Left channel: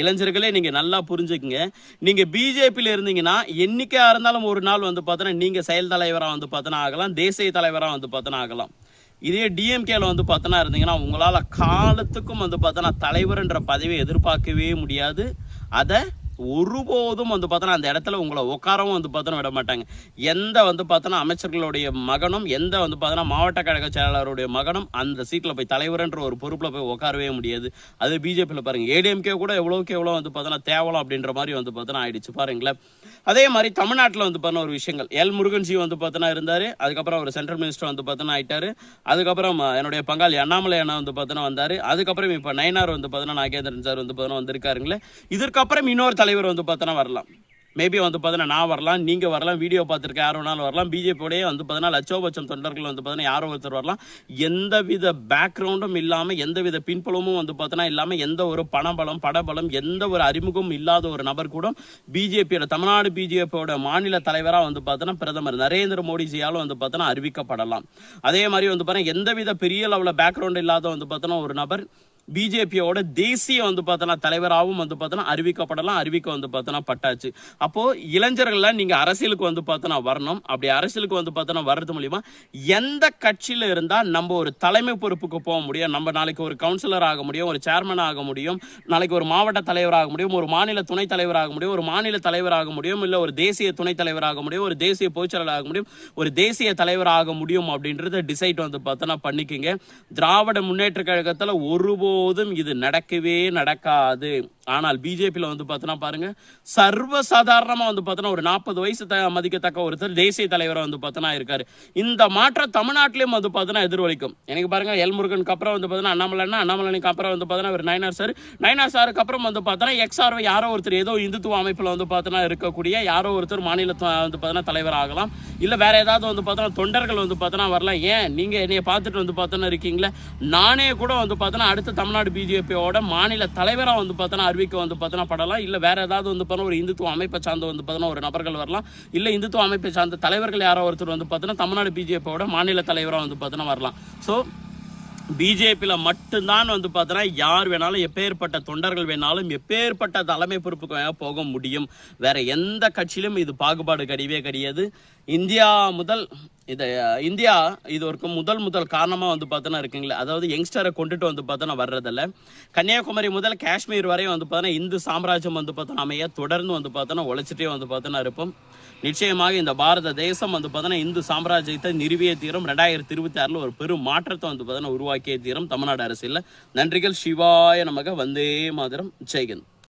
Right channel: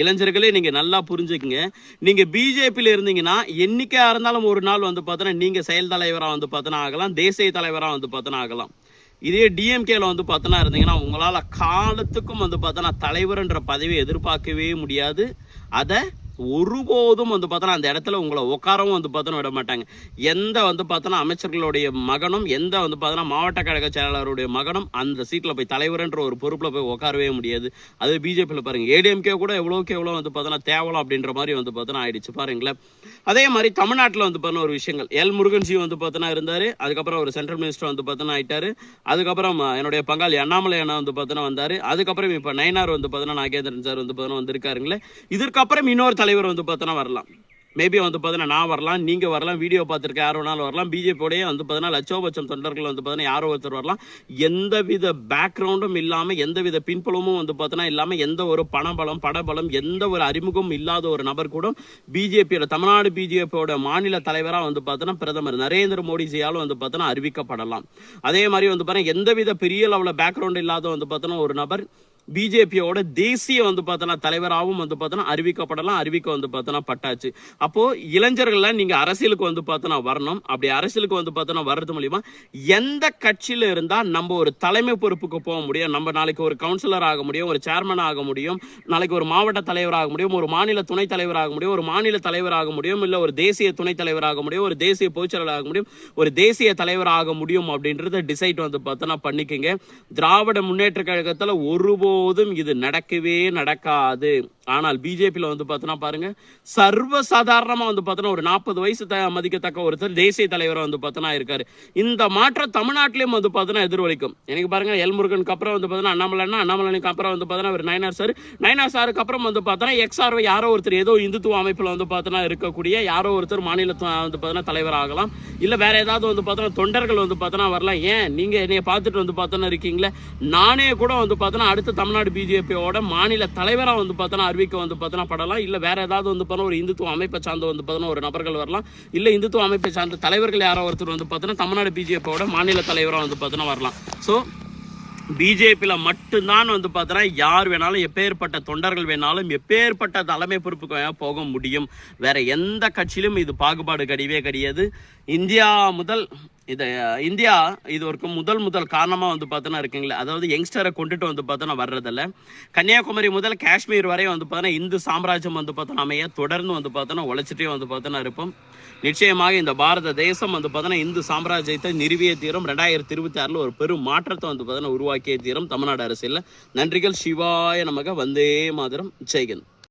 இளைஞர்களே நீங்க நல்லா புரிஞ்சுக்குங்க. நீங்க பிஜேபியில இருந்தீங்கன்னா, என்னைக்கா இருந்தாலும் ஒரு நாள் வந்து பார்த்தீங்கன்னா, நீங்க செயல் தலைவரா வந்து பார்த்தீங்கன்னா ஆகலாம். தேசிய தலைவரா வந்து பார்த்தீங்கன்னா ஆகலாம். இதே டிஎம்கேல வந்து பார்த்தீங்கன்னா இருந்தீங்கன்னா, உங்களால காலத்துக்கும் வந்து பார்த்தீங்கன்னா தலைவர்ன்ற பதவியை எதிர்பார்க்கவே முடியாது. அத ஒருபோதும் வந்து பார்த்தோன்னா அந்த இடத்துல உங்களை உட்காரவும் வந்து பார்த்தோன்னா விட மாட்டாங்க. எந்த வந்து பார்த்தோன்னா அமைச்சர்களுடைய மகனும், எந்த வந்து பார்த்தோன்னா மாவட்ட கழக செயலாளருடைய மகனும் அந்த சீட்டில் போய் தலைவர்ன்ற ஒரு பொறுப்பில் போய் உட்காரவே முடியாது. அது பிஜேபியில் பாருங்க. ஏடிஎம்கே கூட எவ்வளோக்கு எவ்வளோ வந்து பார்த்தோன்னா தேவலாம் அப்படின்ற மாதிரி வந்து பார்த்தோன்னா ஆயிடுச்சு பாருங்களேன். அதே மாதிரி தமிழ்நாட்டில் வந்து பார்த்தோன்னா ஒரு விஷயங்கள் எல் முருகன்ஜி வந்து பார்த்தோன்னா இருந்தார். அதுக்கப்புறம் ஒரு சென்ட்ரல் மினிஸ்டர் வந்து பார்த்தோன்னா ஆயிட்டாரு. அதுக்கப்புறம் என்னுடைய பங்காளி அண்ணாமலை அண்ணா வந்து பார்த்தோன்னா வந்தார். அதுக்கப்புறம் இப்போ நயனார் வந்து பார்த்தோன்னா நாகேந்திரன் சார் வந்து பார்த்தோன்னா வந்திருக்காருங்களே. இதற்கப்புறம் இன்னொரு தலைவர் வந்து பார்த்தோன்னா வரலாம். மேபி வந்து பார்த்தீங்கன்னா நான் வரலாம், நீங்கள் வரலாம், வீடியோ பார்த்துருக்க யார் வேணாலும் வரலாம். பிஜேபியோடய வந்து பார்த்தீங்கன்னா லட்சோபட்சம் தொண்டர்கள் வந்து பார்த்தீங்கன்னா யாரோ ஒருத்தர் வரலாம். எந்தவித பேக்ரவுண்டும் இல்லாமல், எந்தவித பின்புலமும் வந்து பார்த்தீங்கன்னா இல்லாமல், எந்த ஒரு பணபலம் படபலம் எந்த ஒரு அறிமுகம் இல்லாத ஒரு நபர் கூட பிஜேபியோட தமிழ்நாடு பிஜேபியோட மாநில தலைவராக வந்து பார்த்தீங்கன்னா பிரதமர் நரேந்திர மோடிஜியாலும் வந்து பார்த்தீங்கன்னா அறிவிக்கப்படலாம். அதே மாதிரி வந்து பார்த்தீங்கன்னா எந்தவித பெரிய லெவலில் பேக்ரவுண்ட் இல்லாத வந்து பார்த்தீங்கன்னா ஒரு நபர் பிஜேபியோட தேசிய வந்து பார்த்தோன்னா தலைவராகவும் வந்து பார்த்தோன்னா அறிவிக்கப்படலாம். அறிவிக்க வந்து பார்த்தோன்னா பட்டாச்சு. அப்போ இளைஞர்கள நீங்க அரசியலுக்கு வந்து பார்த்தோன்னா வரணும். அப்படி அரசியலுக்கு வந்து பார்த்தோன்னா வர்றது மூலியமா எந்த கட்சியில இருந்தா நம்ம ஒரு தலைமை பொறுப்புக்கு போக முடியும், நம்ம நாளைக்கு ஒரு கவுன்சிலர் ஆக முடியும், ஒரு சேர்மன் ஆக முடியும், நாளைக்கு ஒரு மாவட்ட தலைவர் ஆக முடியும், ஒரு மாநில துணைத் தலைவர் ஆக முடியும், ஒரு மாநில தலைவர் ஆக முடியும், இல்ல ஒரு தேசிய துணைத் தலைவர் ஆக முடியும், ஒரு தேசிய பொதுச்செயலாளர் ஆக முடியும், ஒரு தேசிய தலைவர் ஆக முடியும் அப்படின்றத டிசைட் வந்து பார்த்தோன்னா பண்ணிக்கங்க. திராவிட முன்னேற்ற கழகத்துல ஒருபோதும் இது நடக்கவே நடக்காது. ஆனால் பிஜேபியில் வந்து பார்த்தோன்னா பாருங்க, சர்வசாதாரணமா வந்து பார்த்தோன்னா ஒரு 40 வயசு மதிக்கத்தக்க ஒருத்தர் தேசிய தலைவராக வந்து பார்த்தோன்னா இருக்காரு. இந்த மாற்றம் தமிழ்நாட்டிலையும் வந்து பார்த்தோன்னா எதிரொலிக்கும். எனக்கு பாருங்க எல் முருகனுக்கு அப்புறம் வந்து பார்த்தோன்னா அண்ணாமலைக்கு அப்புறம் வந்து பார்த்தோன்னா ஒரு நயனார் சாருக்கு அப்புறம் வந்து பார்த்தோன்னா எக்ஸ்ஆர் யாரோ ஒருத்தர் ஏதோ இந்துத்துவ அமைப்பில் வந்து பார்த்தோன்னா இருக்கக்கூடிய யாரோ ஒருத்தர் மாநில வந்து பார்த்தோன்னா தலைவர் ஆகலாம். இல்லை வேற ஏதாவது வந்து பார்த்தோன்னா தொண்டர்கள் வந்து பார்த்தோன்னா வரலாம். ஏன் நீங்க என்னைய பார்த்துட்டு வந்து பார்த்தோன்னா இருக்கீங்களே, நானே கூட வந்து பார்த்தோன்னா அடுத்த தமிழ்நாடு பிஜேபியோட மாநில தலைவராக வந்து பார்த்தோன்னா அறிவிக்க வந்து பார்த்தோன்னா படலாம். இல்லை வேற ஏதாவது வந்து பார்த்தோன்னா ஒரு இந்துத்துவ அமைப்பை சார்ந்து வந்து பார்த்தோன்னா ஒரு நபர்கள் வரலாம். இல்லை இந்துத்துவ அமைப்பை சார்ந்த தலைவர்கள் யாரோ ஒருத்தர் வந்து பார்த்தோன்னா தமிழ்நாடு பிஜேபியோட மாநில தலைவராக வந்து பார்த்தோன்னா வரலாம். ஸோ பிஜேபியில் மட்டும்தான் வந்து பார்த்தோன்னா யார் வேணாலும், எப்பேற்பட்ட தொண்டர்கள் வேணாலும், எப்பேற்பட்ட தலைமை பொறுப்புக்கு போக முடியும். வேற எந்த கட்சியிலும் இது பாகுபாடு கிடையவே கிடையாது. இந்தியா இது ஒரு முதல் காரணமாக வந்து பார்த்தோன்னா இருக்குங்களே, அதாவது யங்ஸ்டரை கொண்டுட்டு வந்து பார்த்தோன்னா வர்றதில்ல. கன்னியாகுமரி முதல் காஷ்மீர் வரை வந்து பார்த்தோன்னா இந்து சாம்ராஜ்யம் வந்து பார்த்தோன்னா அமைய தொடர்ந்து வந்து பார்த்தோன்னா உழைச்சிட்டே வந்து பார்த்தோன்னா இருப்போம். நிச்சயமாக இந்த பாரத தேசம் வந்து பார்த்தோன்னா இந்து சாம்ராஜ்யத்தை நிறுவிய தீரும். 2026 ஒரு பெரும் மாற்றத்தை வந்து பார்த்தோன்னா உருவாக்கிய தீரும் தமிழ்நாடு அரசியலில். நன்றிகள். சிவாய நமக. வந்தே மாதரம். ஜெய்ஹிந்த்.